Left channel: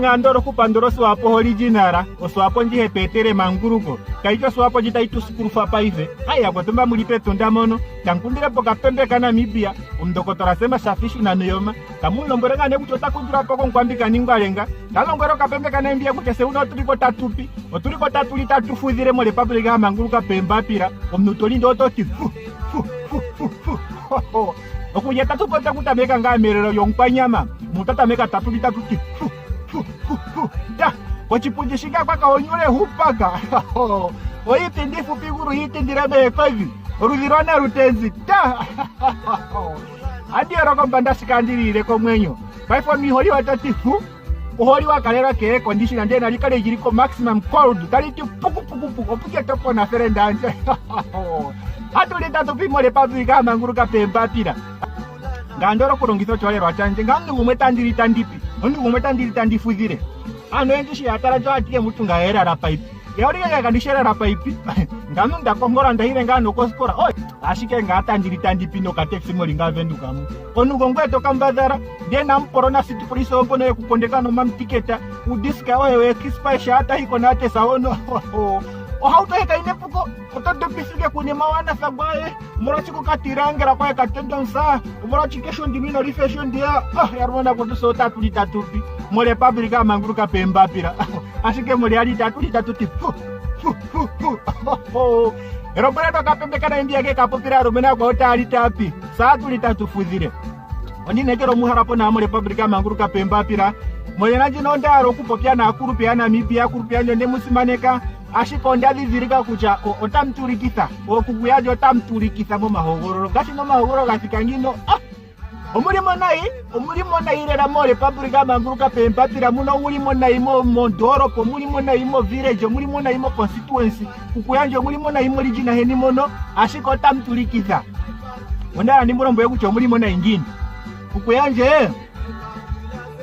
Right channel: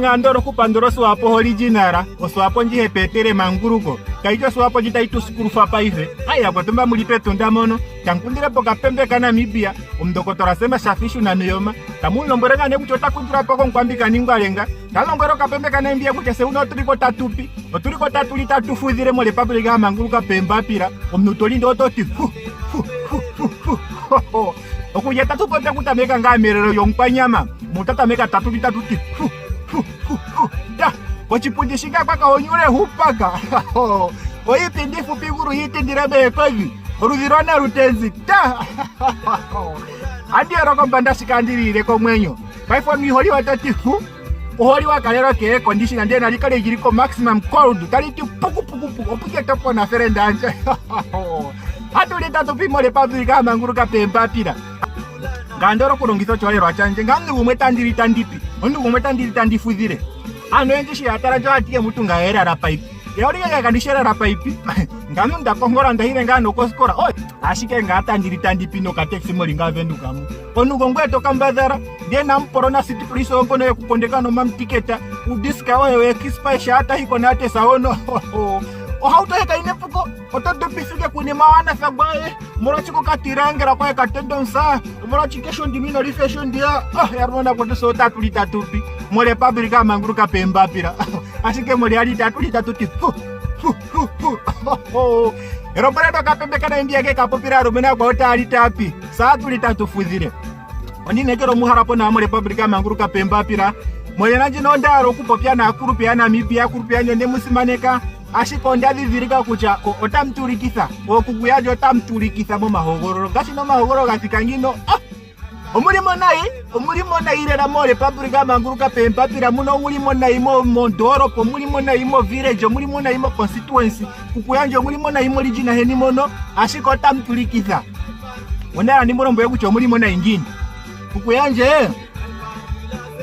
ngandoro kupandoro swapo originala oswapo njihe petere manguruko kaicho swapo jitaitu sikurufa paive aya kwatumba mulipe tunda mono tankundire poka pembe kana Namibia umdokotora sema shafishu na niyoma tamulombwereka ne kuchota kundura poko nkwambika ningwalenga talongwero kapembe kana mbia kucha se uno tuliko tatupi otuliko tatuli tatufudhire mo republika ya manguruka pemba pira omnutoli ndo toti okuja tatupota kutameka ngamerero yompanyama mutatameka tatuli tatuti da kochipundi shika paka onyure hupaka oipindi fupi guru hitindirebe kovi oruzirana rutenzi da andi arokombanda shikandirire komwenyo kaifo mihori watati ohori wakalero ke condition ande nalikale jiriko maximum cold taliti puku opute topo na ferendanje atulita tupimo le pabrika manguruka pemba pira ngandoro kulongitho cholero achanje ngamni umwe tandiri tandipi ondu umwe tandiri tandifudhire ano enjishi atara jo atiye mutunga era ra pipe yauri yakandishera ra pipe ngamu ndapongora ndahire ngano koskora oi ashike ngatandiri tandipi no kateksi molinga venduka mu onugo ngweto kambadhara ndiye namporona city police ongono yekupondeka no mamtiketa udiska wewe kispaisha hata hiko nate saono ohauto heka inepuko otodopisuke kuni mawana fagwaye murachiko katirangira kwa katendonsa murachikesho ndimino rifesho ndia yarmona kote so tatuli tatupi mole pabrika manguruka pemba pira ashike mole ali tatuli tatuti erobrado kapembe kana ndia ke kapopira romena kwa ota ali tapi saa tuli tatufudhire oni nekero muharapo na mole pabrika manguruka pemba pira mole nanje nonda rokupopya na kurupya na Namibia kurupya nyonde musimaneka ashikonda vivirika kucha otamturikitha okukuyaje otamturikitha mu mahogoro gasi no mahogoro gatikangino omulimo nayi rera mo republika manguruka pemba pira muno mulimo nayi mo mondoro po mulimo nayi mo village mulimo nayi mo constituency kukuyanje mulimo nayi mo region heni mono ashikota mturikitha ondara ndi mulombo yekucho mulimo nayi ngini kukuyanje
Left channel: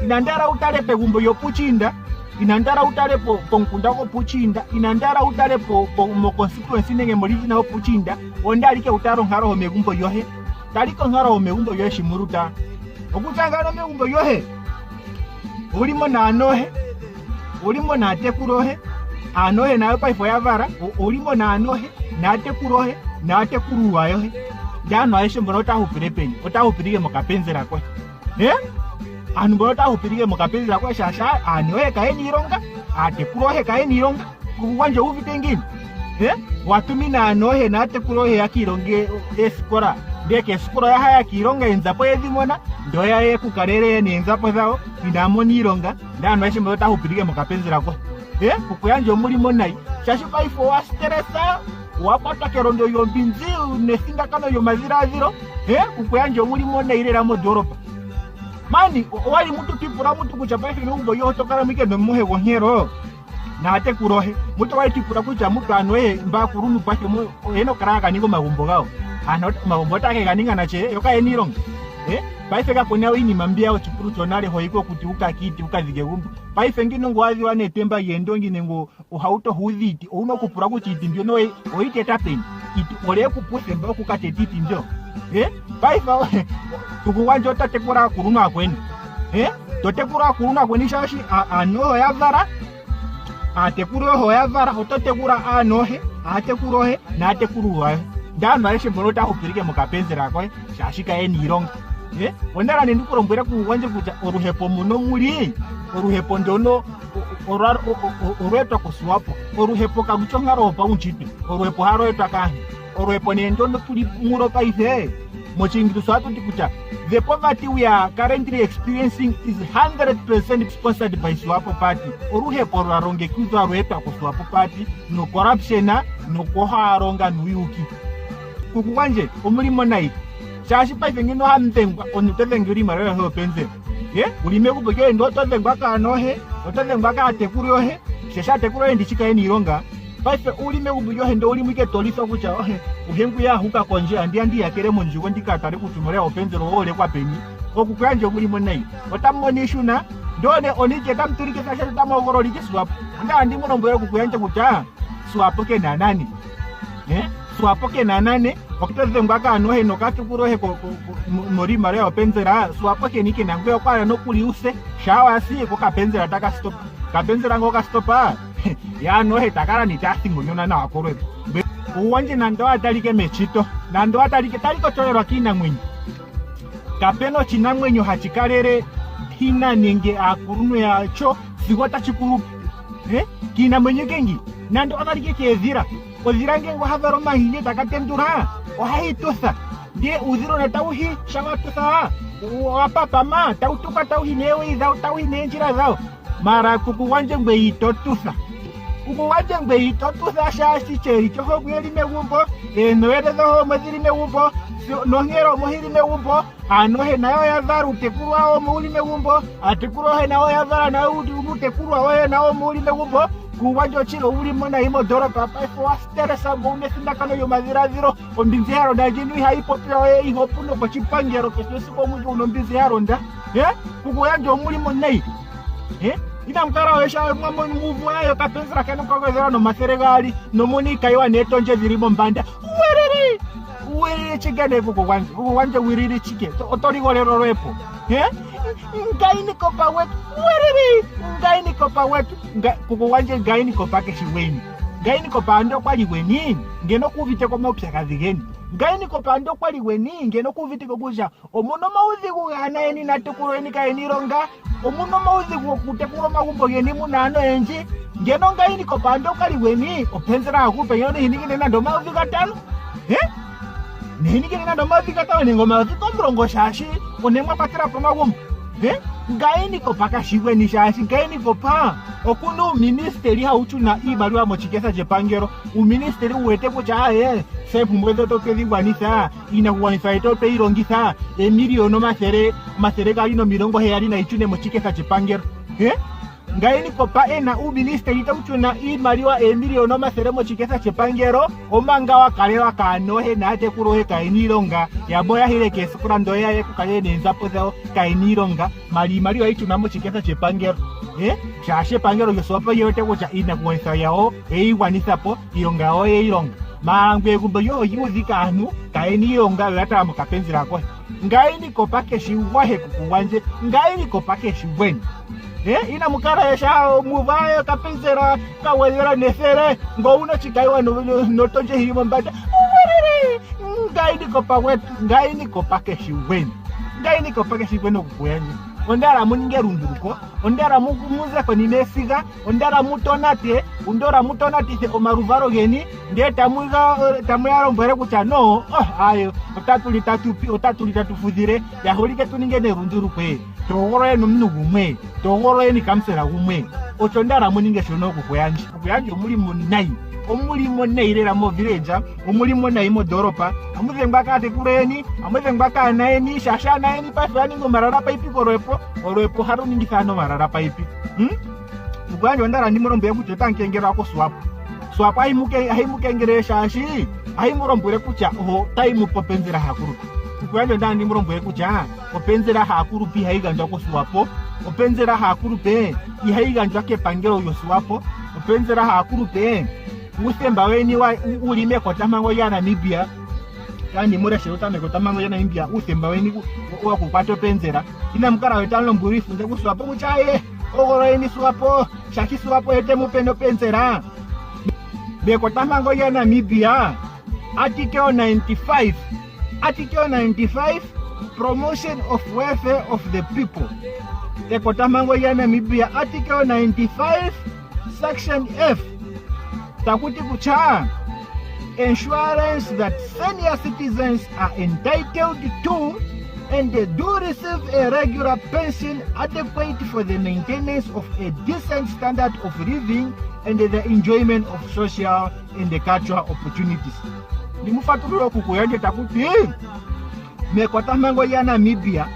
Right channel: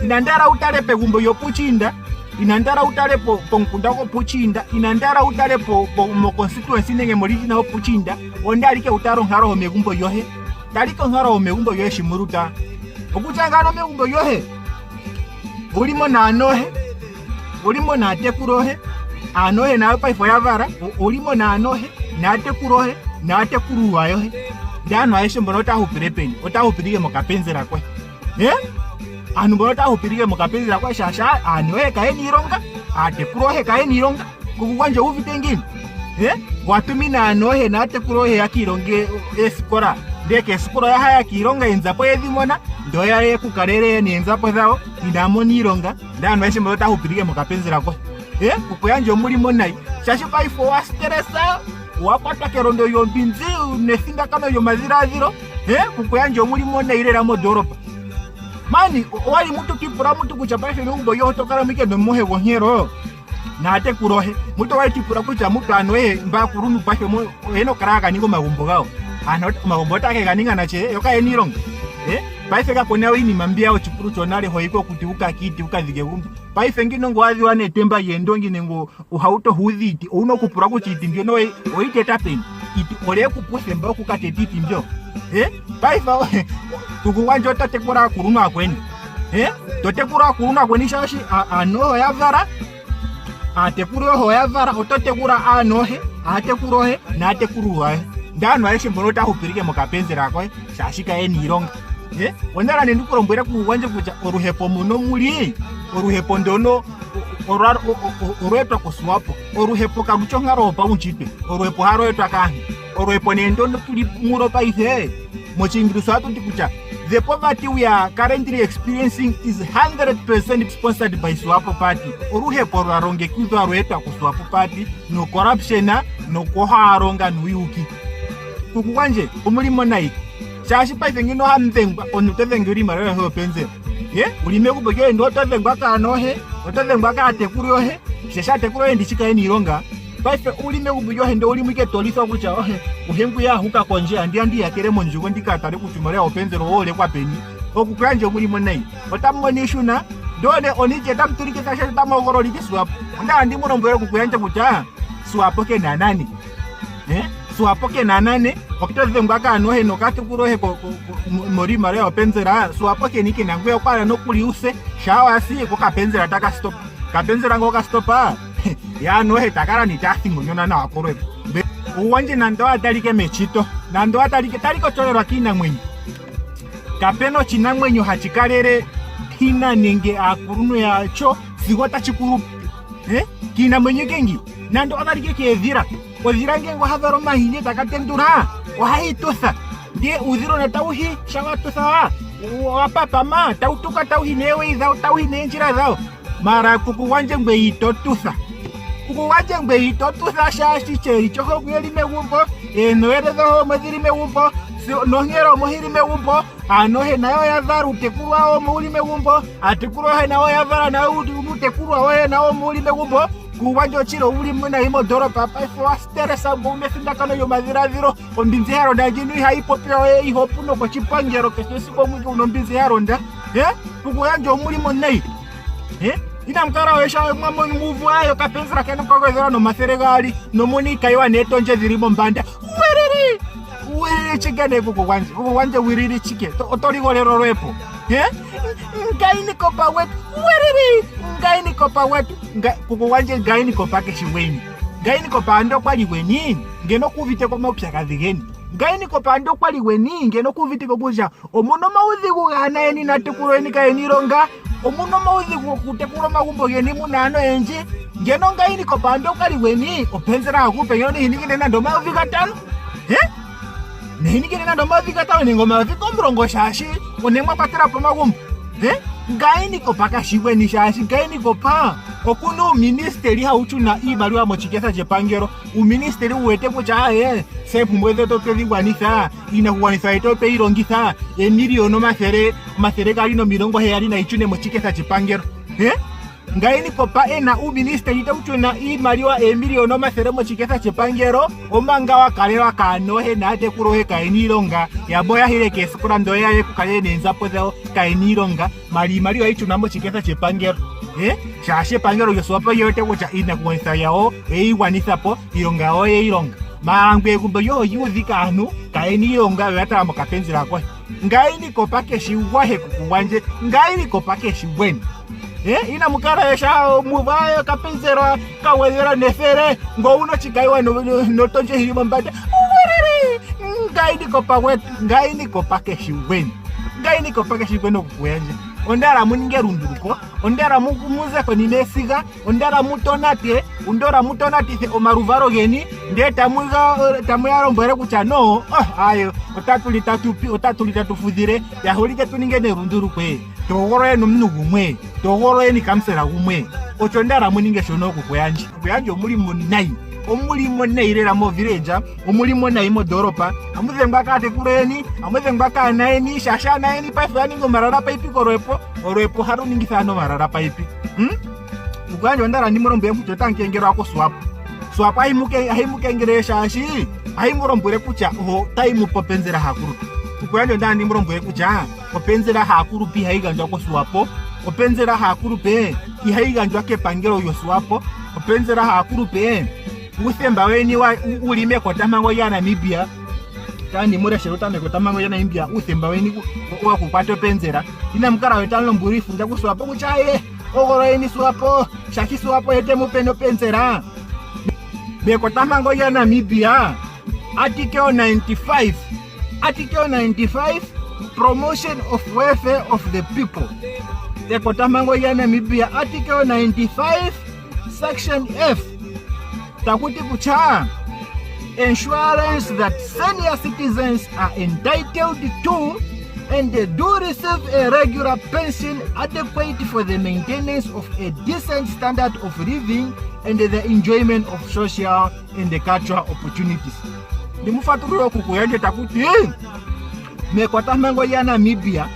inandara utale pegumbo yopuchinda inandara utale po nkundako puchinda inandara utale po mo constituency nenge morijina ho puchinda ondalike utaro ngaro ho megumbo yohe daliko ngaro ho megumbo yohe shimuruta okuchangaro megumbo yohe ulimo na anohe ulimo na tekurohe anohe na paifo yavara ulimo na anohe na tekurohe na tekuruwa yohe dano aishe mbona hupirepeni otahupirige mokapenzera kwe anu mbona hupirige mokapenzera kwe shasha anohe kaeni ironga atekurohe kaeni ironga kukuwanje uvitengini watumina anohe na tekurohe yakironge esikora ndeke esikora ya haya kironga inzapo yedhimona ndoya ye kukarere ni inzapo zao idamoni ironga dano aishe mbona hupirige mokapenzera kwe kukuyanje omulimo nayi shashi paifo wa stressa wapata kerondo yombinzi nesinga kama yomaziraziro kukuyanje omulimo nayi rera modoropa mani wali mutu kipura mutu kuchapaife numbo yohotokara mike nomohe wonyero na ate kurohe mutu wali kipura kucha mutu anwe mba kurunu pashe eno karaka niko magumbo gao ano magumbo take ganinga na che yoka enirong paife ka kona wini mambia ochipuru chonale hoiko kuti ukakiti ukazige gumbi paife ngino ngwazi wane temba yendo ngine ngo uhauto hudhiti uno kupura kuchiti ndio no oite tapeni iti ole kupuse mba kukateti ndio paife kukuwanje tatekura kuruna kweni totekura kuruna kweni shashi anoho yavara atekuro ho yavara ototekura anohe atekurohe na atekuruwa ndano aishe mbonota hupirike mukapenzera kwa shashika eni ironga onara nendikurombwera kuwanje kucha oruhepo muno muri oruhepo ndono orwetwa kuswapo oruhepo karuchongaro pa unchipe oruhepo haroetwa kahi oruhepo nendono tuli muro paife mochingirisa atuti kucha the poverty we are currently experiencing is 100% sponsored by Swapo Party oruhepo rwaronge kuzo arwetwa kuswapo party no corruption no koharonga nuyuki kukuwanje umulimo nayi shashi paife ngino hamthengwa onutethenguri maro yo penze ulime kubege ndo tothengwa kanohe tothengwa ka tekuriyohe shesha tekuriyohe ndichika eni ironga paife ulime kubege ndo ulimike tolisa kucha uhengu ya huka konje andi yakere monjugo ndikatare kutumare openze roole kwa peni okukanje mulimo nayi otamonishuna ndone onije tamturike kasha tamogoroli kiswapo nda andi munombo kukuyanje kucha Swapo ke nanani suapo ke nanane wakitoze ngwaka anohe nokatukurohe mori maria openzera suapo ke nike nangwe kwala nokuliuse shawasi ko kapenzera taka stop kapenzera ngoka stopa ya nohe takara nitasingo nyona na akoro uwanje nando atalike mechito nando atalike taliko tolerwa kina mwenye kapeno china mwenye hachikarere kina nenge akuruno yacho zigota chikuru kina mwenye kengi nando atalike kezira ozirange ngo hazaro mahini takatendura wahitosa ndiye uziro na tauhi shawatosa wapapa ma tautuka tauhi newe zao tauhi nenjira zao mara kukuwanje ngbeitotusa kukuwanje ngbeitotusa shashi cheri choko kuyelime wumbo noyedeza ho mazirime wumbo nohero mohirime wumbo anohe nayo yazaru tekuwa ho mohirime wumbo atekuwa nayo yazara na udi umutekuru wa nayo mohirime wumbo kuwanjo chiro uli mona imo doro papa fo steresa bombe sinda kano yo maziraziro ombinzi haro dajinu haipopira ihopuno kwa chipangero kesisi kwa mungu unombinzi haro nda kukuyanjo muli monai ina mkara wesha mambo nguvu ayo kapenzera kana kwa zero no maseregali no monika iwa neto nje zirimo mbanda werere chigane kukuwanje wiriri chike otori golero repo ngaini kopa wetu werere ngaini kopa wetu kukuwanje ngaini kopa keshiweni ngaini kopa ando kwali weni ngeno kuvite kwa mopya kadhigeni ngaini kopa ando kwali weni ngeno kuvite kobuja omuno mauzi kugana eni natukuro eni kaeni ronga omuno mauzi kutekuro magumbo geni munano enji ngeno ngaini kopa ando kwali weni openzera hakupe yono hinigine na ndo mauzi katano nehinigine na ndo mauzi katano ningo mauzi kombrongo shashi onemwa patera po magumbo ngaini kopa kashiweni shashi ngaini kopa okuno ministeri hauchuna ibalwa mochikesa chepangero uministeri uwete kucha sepu mweze tope vigwanisa inakuwanisa itope irongisa miliono masere kalino milongo heyali na ichune mochikesa chepangero ngaini kopa ena uministeri tauchuna ibalwa miliono masere mochikesa chepangero omanga wakalewa kanohe nate kurohe kainilonga yaboya hile kesukura ndoya ye kukale nenzapo zao kainilonga mali waichuna mochikesa chepangero shashe pangero yosopa yote kucha inakuwanisa yao eiwanisapo ilonga yao yeilonga mangwe kumbe yo yuzika anu kaini yonga yata mukapenzira kwa ngaini kopa keshiwahe kukuwanje ngaini kopa keshiweni ina mukara yesha muvayo kapenzera kawezera nefere ngo uno chikaiwa no tonje himo mbata ngaini kopa wetu ngaini kopa keshiweni ngaini kopa keshiweni kukuwanje ondara muninge runduruko ondara muze ko ninesiga ondara mutonate undora mutonatise omaruvaro geni ndeta tamuyaro mbere kucha no ayo otatulita tufudire yaholike tuninge ne runduruko togoro no mnugumwe togoro ni kamsera gumwe ochondara muninge shono kukuyanje omulimo neirera mo village omulimo naimo doropa amuze mbakate kureni amuze mbaka naeni shasha naeni pafani ngo marara paipi korepo haruningisa no marara paipi ugwanjo ndara ndimurombe kuti tankengero ako swap aimuke ngere shashi aimurombure kucha ho taimu popenzera hakuru ugwanjo ndara ndimurombe kucha popenzera hakuru pi haigandwa ko swapo openzera hakuru pe ihaigandwa ke pangero yo swapo openzera hakuru pe usemba weni wa ulime kotamango ya Namibia tani mureshe utame kotamango ya Namibia usemba weni wa kupato penzera ina mkara wetalo mburifu nja kuswapo kuchaye ogoroeni swapo shaki swapo ete mupeno penzera be kotamango ya Namibia article 95 promotion of welfare of the people the kotamango ya Namibia article 95 section F takuti kucha insurance that senior citizens are entitled to and they do receive a regular pension adequate for the maintenance of a decent standard of living and the enjoyment of social and cultural opportunities. Nimufaturo kukuyaje takuti mekota mango ya Namibia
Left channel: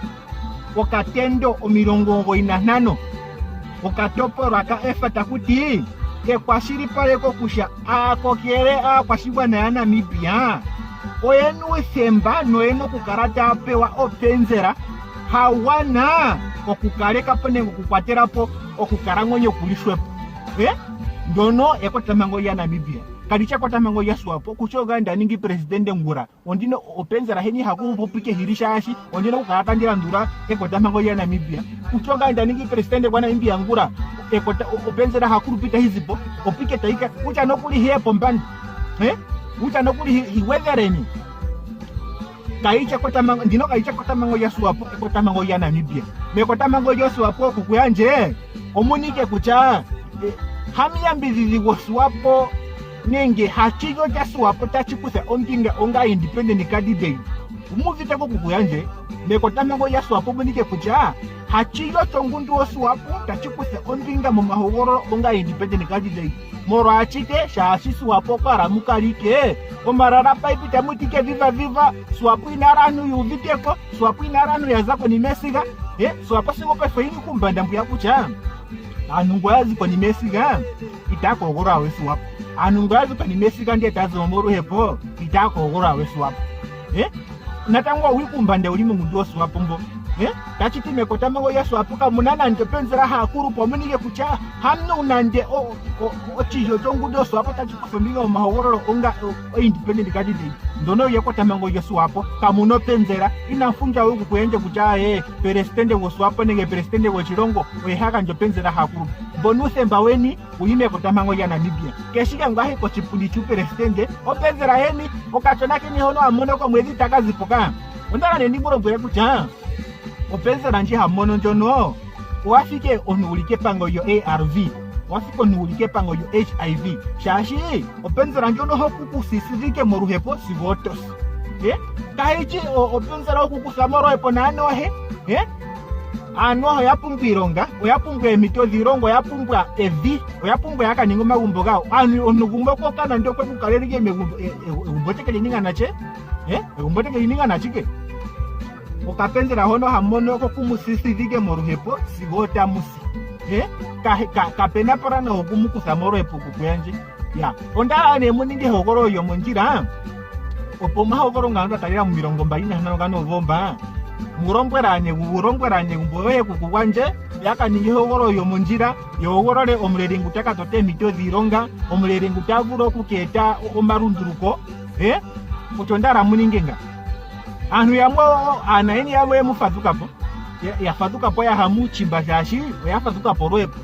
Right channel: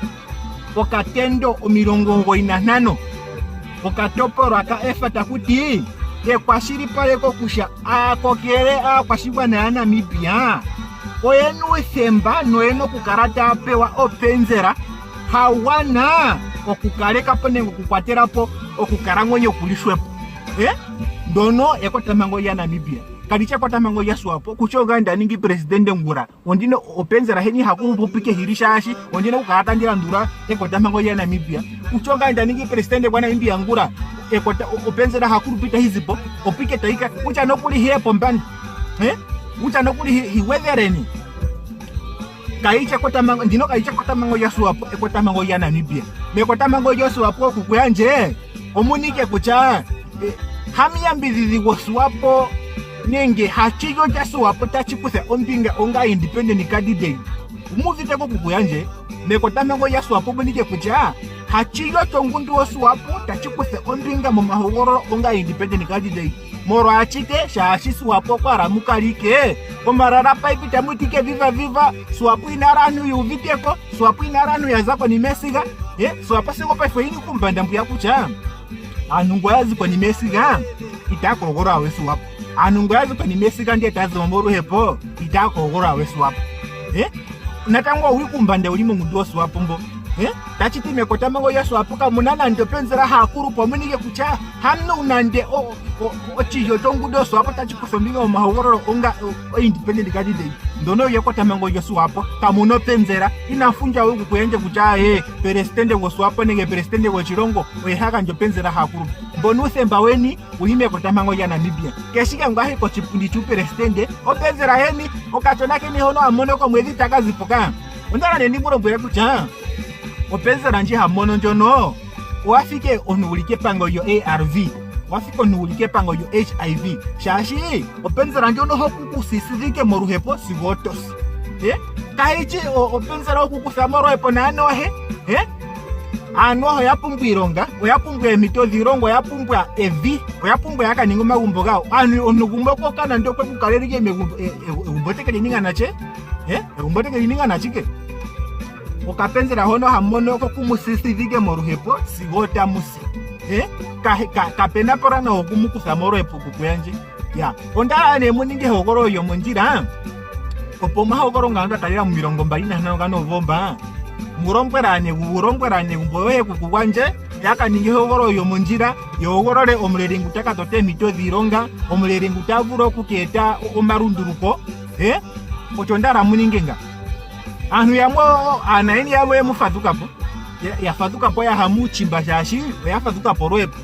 okatendo omirongo inanano okatoporo aka efa takuti kwashiri pale kusha akokere kwashibwa na Namibia oyenu semba noeno kukarata apewa openzera hawana okukareka pone okukwaterapo okukarangonyo kulishwepo ndono ekotemango ya Namibia kalicha kwa tamango yasu wapo kuchoga ndaningi presidente ngura ondino openzera heni hakuru popike hirishashi ondino ukata ndira ndura eko tamango ya Namibia kuchoga ndaningi presidente kwa Namibia ngura eko openzera hakuru pita hizipo opike taika ucha nokuli hepo mbandi ucha nokuli hiwethereni kaicha kwa tamango ndino kaicha kwa tamango yasu wapo eko tamango ya Namibia meko tamango yasu wapo kukuyanje omunike kucha hamiyambidhidhi wosuwapo nenge hachiyo jasuwapo tachikuse ompinga onga independent candidate umuvite ko kukuyanje meko tamango yasuwapo bunike kucha hachiyo chongundu wosuwapo tachikuse ompinga mumahogoro onga independent candidate moro achite shashisuwapo kwa mukalike omarara paipita mutike viva suwapo inaranu yuviteko suwapo inaranu yazako ni mesiga suwapo singo paifo ini kumbanda mbuya kucha anungoyazi kwa nimesiga itakogora wesu wapo anungoyazi kwa nimesiga ndiye kazi mamoro hepo itakogora wesu wapo natangwa wikumbande ulimo mundosu wapo mbo tachitume kwa tamango yasu wapo kamunana ndopenzera hakuru pamunike kucha hamno unande ochiyo tongudosu wapo tachikusombinga umahogoro onga independent candidate ndono yeko tamango yasu wapo kamuno penzera inafunja wiku kuyenje kucha presidente wasu wapo nenge presidente wachirongo wehaka ndopenzera hakuru mbonuse mbaweni uime kwa tamango ya Namibia keshika ngahe kwa chipundi chu presidente openzera heni okachonake ni hono amonoko mwezi takazipuka ondara neniburo mbere kucha openzera nje hamono njono wafike onulike pango yo ARV wafike onulike pango yo HIV shashi openzera njono hokuku sisivike moruhepo sivotos kahichi openzera hokuku samorohepo na anohe anoho yapungwironga oyapungwa emitozi irongo oyapungwa evi oyapungwa yakaninga magumbo gawo anu onugumbo kokana ndo kwekukalelike egumbotekele ninganache egumbotekele ninganachike ukapenzera hono hamonoko kumusisivike moruhepo sigota musi kapena porana okumukusa moruhepo kukwenje ondala nemuninge hogoro yo monjira opo mahogoro nganda talira mu 20 ngano vomba murombwerane mboye kukukwanje yakaninge hogoro yo monjira yogorore omulere ngutaka tote mitozi ironga omulere ngutavuro kuketa omarunduruko ochondara muningenga anu yamo anaini yamo yamufatukapo yafatukapo ya hamu chimba shashi yafatukapo roepo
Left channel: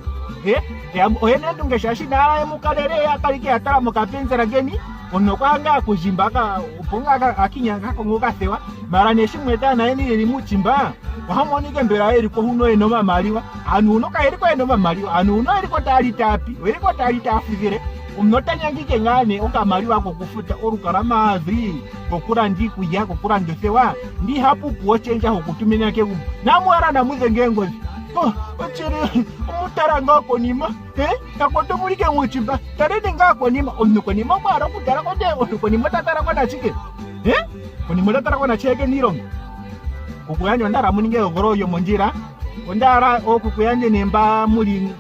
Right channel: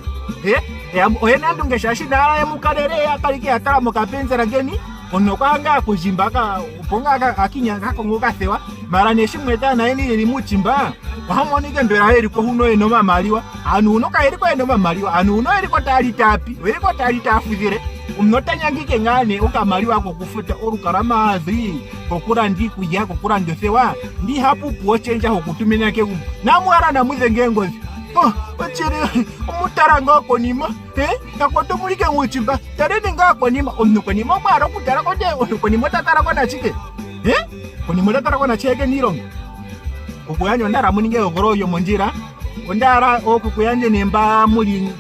oyena ndunge shashi na yamukalere yakalike atala mukapenzera geni onokanga kujimbaka uponga akinya kakongoka sewa mara neshimweta naini yeli muchimba wahamonike mbera eri ko huno eno mamaliwa anu unoka eri ko eno mamaliwa anu uno eri ko tali tapi eri ko tali tafizire unotanyangike ngane okamaliwa kokufuta orukaramazi kokura ndikuya kokura ndosewa ndi hapu kuochenja hokutumina ke namwara namuze ngengozi ochiri umutaranga konima takotomulike muchimba tarede ngako nima onukonima mwara kutara kote onukonima tatara kona chike konima tatara kona cheke nirongo okuyanyo ndara muninge ogoro yo monjira ondara okukuyanje nemba muli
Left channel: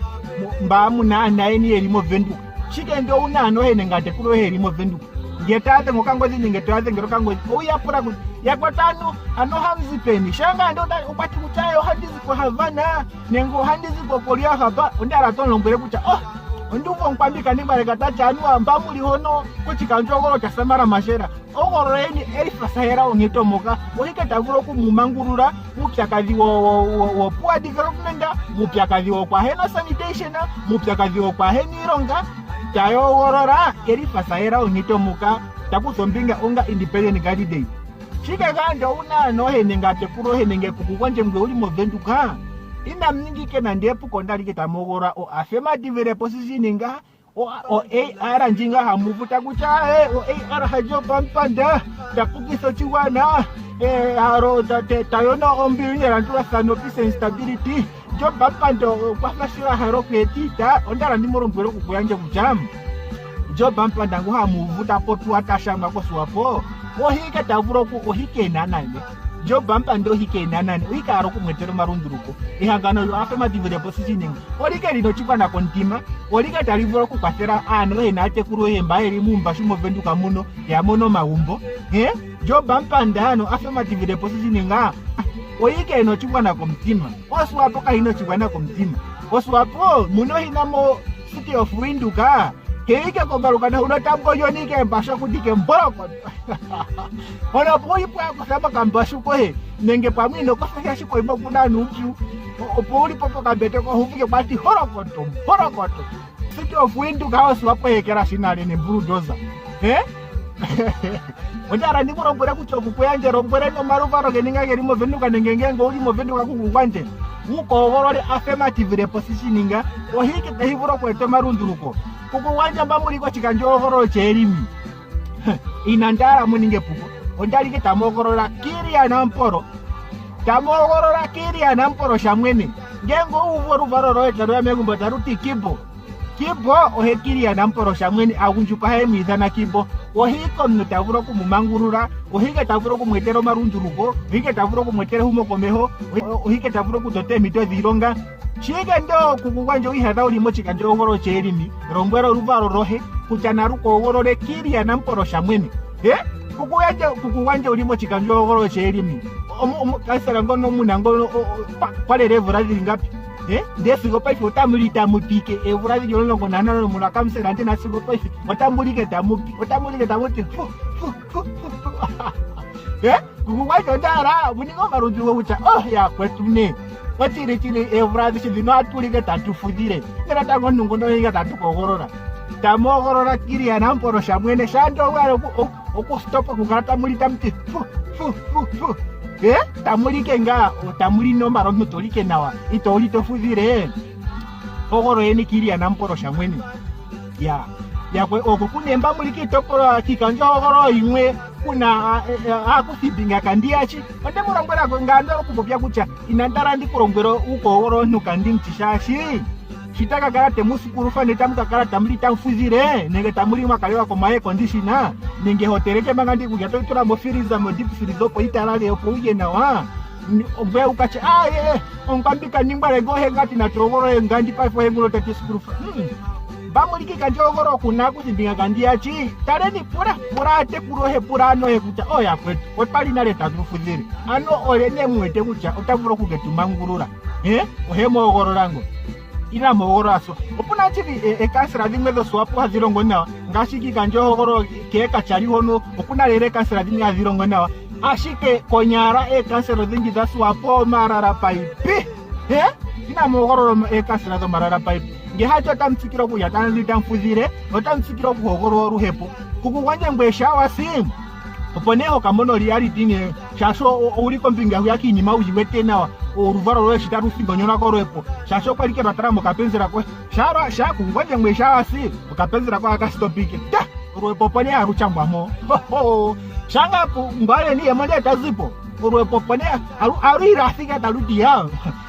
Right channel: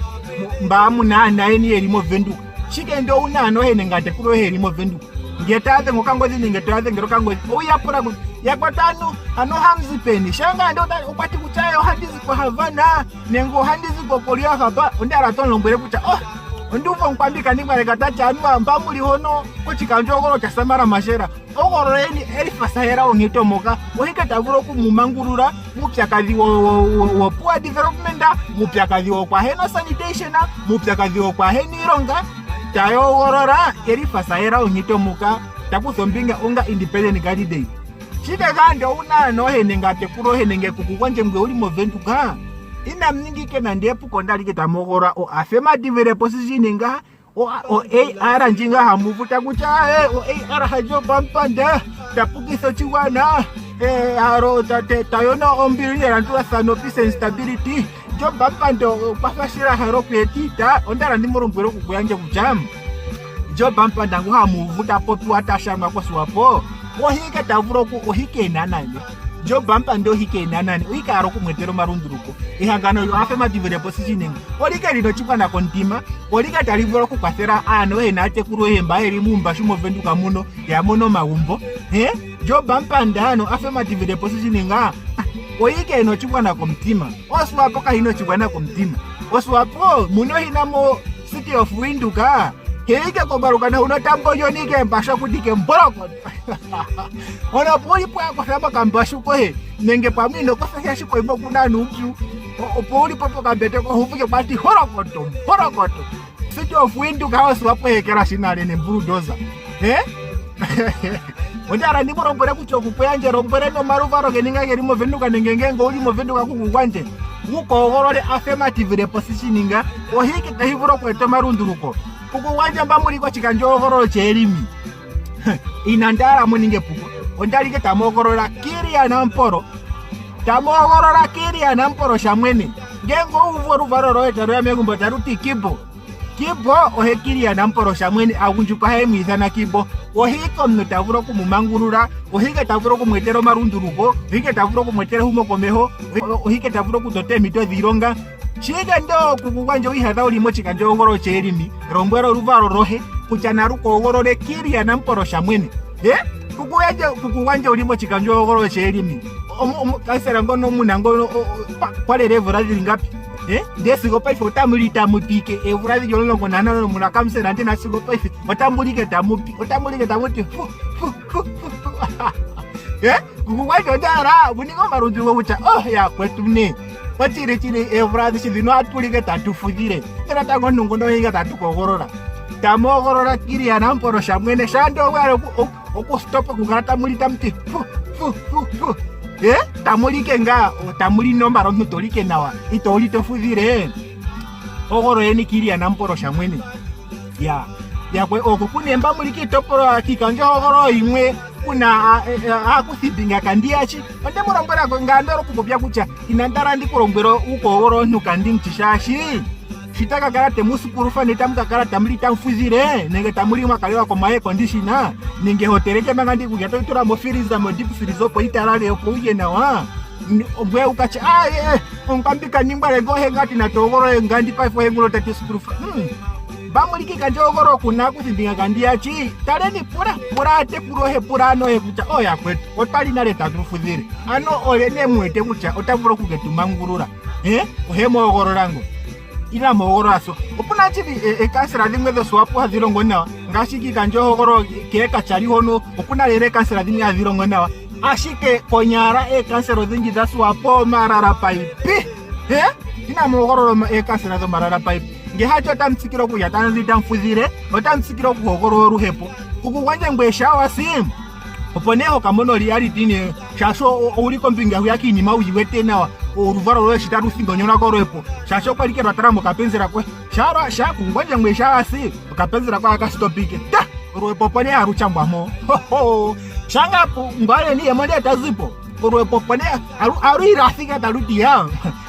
mba munana eni elimo vendu chike ndo unano hene ngate kulo helimo vendu ngetate ngokangozi ngetate ngerokangozi uyapura kuti yakwatano ano hamzi peni shanga ndo ukwati kuchayo hadizi kwa Havana nengo hadizi kwa Korea hapa ondara tonombere kucha nduva nkwambika ndimbareka tati anu amba muli hono kuchikanjo ogoro cha Samara Mashera ogoro eni elifasahera ongitomoka ohikatavuro kumumangurura mupyakazi wo poor development mupyakazi wo kwa heno sanitation mupyakazi wo kwa henironga tayo worora elifasahera ongitomoka takusombinga onga independent candidate chika gande unano hene ngate kuro hene ngekukwanje mwe uli movenduka ina mningike na ndepu kondalike tamogora o affirmative position nga o AR njinga hamuvuta kucha o AR hajo pampanda tapukiso chiwana aro tayona ombili rantu asano peace and stability jo pampando kwafashira haro kwetita ondara ndimorombero kukuyanje kujamu jo pampanda ngo hamuvuta potu atashanga kwaswapo ohike tavuro ku ohike nanane jo bampa ndo hike nanane ohike aro kumwetero marunduruko ihangano yo affirmative positioning olike lino chipana kontima olike talivuro ku kwafera ano enate kuro hemba eri mumba shimo venduka muno ya mono maumbo jo bampa ndano affirmative positioning ohike no chipana komtima oswapo ka hino chipana komtima oswapo muno hinamo city of winduka Heke kobarukana unatambo yonike mbasho kudike mboroko. Ona poi kwa sema kambasho ko he. Nenge pamino ko fanya shiko ibo kuna nuju. Opoli popo kabete ko huvuke bati horokoto. City of Windu kawas wapo hekera sinale ne bulldozer. Ondara ndi morombere kuchoku kuyanje rombere no maruvaro geninga gerimo venduka nengengengo uli mo venduka kukugwanje. Ukogorole affirmative repositioninga ohiki tahivuro kwete marunduruko. Kukugwanja mbamuri kwa chikanjo ogorolo cherimi. Inandara muninge puko. Ondalike tamogorola kiria namporo. Tamogorola kiria namporo shamwene. Ngengo uvoru varo roeta roya megumbo taruti kibo. Kibo ohekiria namporo shamwene agunjuka he mwithana kibo. Ohiko mnutavuro kumumangurura. Ohike tavuro kumwetero marunduruko. Ohike tavuro kumwetero humo komeho. Ohike tavuro kutote mito dhironga. Chiga ndo kukugwanja wihadha ulimo chikanjo ogoro cherimi. Rombwero ruvaro rohe. Kuchana ruko ogoro le kiria namporo shamwene. Kukugwanja ulimo chikanjo ogoro cherimi. Kaisera ngono munangono pale revu radhi ngapi. Ndesi gopaife utamulita mupike evurazi yolongo konana munakamse nante na sigopaife utamulike tamupi kukugwacho ndara buniko marunjugo kucha ya kwetu ne watire chine evurazi chidino atulike tatufudire ngena tango nungono hinga tatukogorora tamogorora kiria namporo shamwene shando wale okustopa kugata mulita mti tamulike nga tamuli nombaro mutolike nawa itoli tofudire ogoro yeni kiria namporo shamwene ya kwe okukunemba muliki toporo kikanja ogoro imwe kuna akusibinga kandiachi ande murombera ngandoro kubopya kucha inandara ndikurombero uko ogoro nukandi mchishashi sitaka karate musukuru fane tamuka karate tamuli tamfuzire nenge tamuli mwakalewa kwa mae kondishina nenge hotereke mangandi kujato itura mofiriza modipu firizopo itarale yopo uje na wa mbwe ukache onkambika nimbare gohe ngati na togoro ngandi paifo hengulo tati sukuru fane bamuliki kanjo ogoro kuna kusibinga kandiachi tareni pura ate kurohe pura ano kucha ya kwetu otali nale tatufuzire ano olene mwete kucha otavuro kugetumangurura ohemo ogoro rango ila mogoro aso opuna chivi ekasira limwe de swapo hazirongo na ngashiki kanjo hogoro keka chali hono opuna lere kasira limwe hazirongo na ashike konyara ekasiro zingi za swapo marara paipi ina mogoro ekasira zo marara paipi ngehacha tamtsikiro ku yatanzi tamfuzire otamtsikiro ku hogoro ruhepo kukugwanja ngwesha wasimu oponeho kamono reality ne shasho uliko mpinga huyaki ni mauji wetena uruvaro rwe shitaru singo nyona koroepo shasho kwalike rataramo kapenzera kwe shara shaku ngwanja mwesha asi kapenzera kwa akastopike ta rwepo pone aruchambamo shanga ngwale ni yamande atazipo rwepo pone aru irafika taruti ya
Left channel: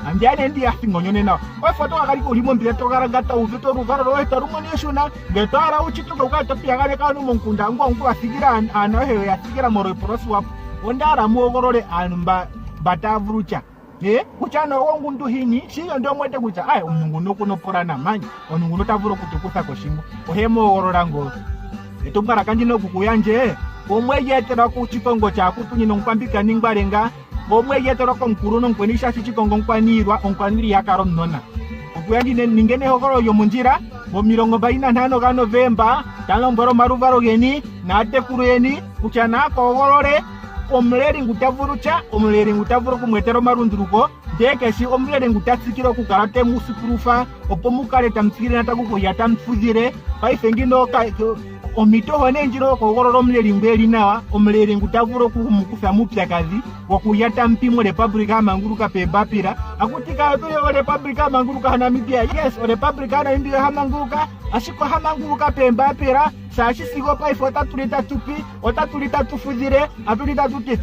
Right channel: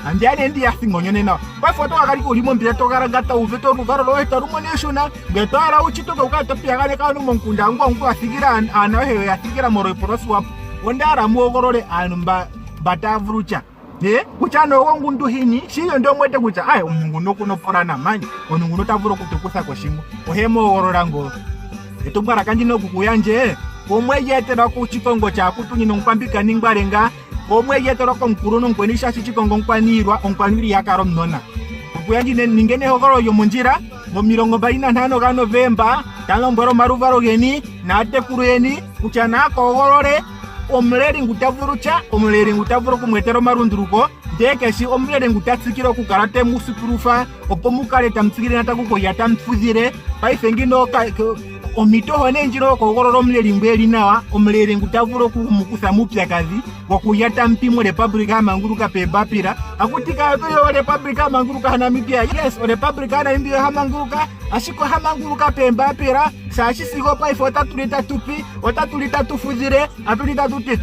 andiane ndi asingo nyona kwa foto akali kulimo mbira tokarangata uveto ruvaro rwe tarumoneshona ngetara uchitoka ukatopia kane kanu monkunda ngwa afikira anahe yafikira moreporosi wapo ondara muogorole anumba batavrucha kuchano wangundu hini shiyo ndo mwete kucha umungu nokuno porana manyi onungu notavuro kutukusa kwa shingo ohemo ogororango etumbara kanjino kukuyanje omwe yetera ku chikongo cha kutunyino nkwambika ningbarenga omwe yetera ko mkuruno nkwenisha chikongo nkwanirwa onkwaniri yakaro mnona kukuyanjine ningene ogoro yo munjira mo 25 ga Novemba talomboro maruvaro geni na tekuru yeni kuchana ko ogorore omleri ngutavurucha omleri ngutavuro kumwetero marunduruko ndeke omleri ngutatsikiro kukarate musukurufa opomukale tamtsikire natakuko yatamfuzire paifengino omito hone njiro ko ogororo omleri ngeli na omleri ngutavuro kumukusa mupya kazi wakuyata mpimo Republika manguruka pebapira akutika yo Republika manguruka hana mipya yes Republika na ndio hamanguruka asiko hamanguruka pembapira sashi sigo paifo tatulita tupi otatulita tufuzire atulita tuti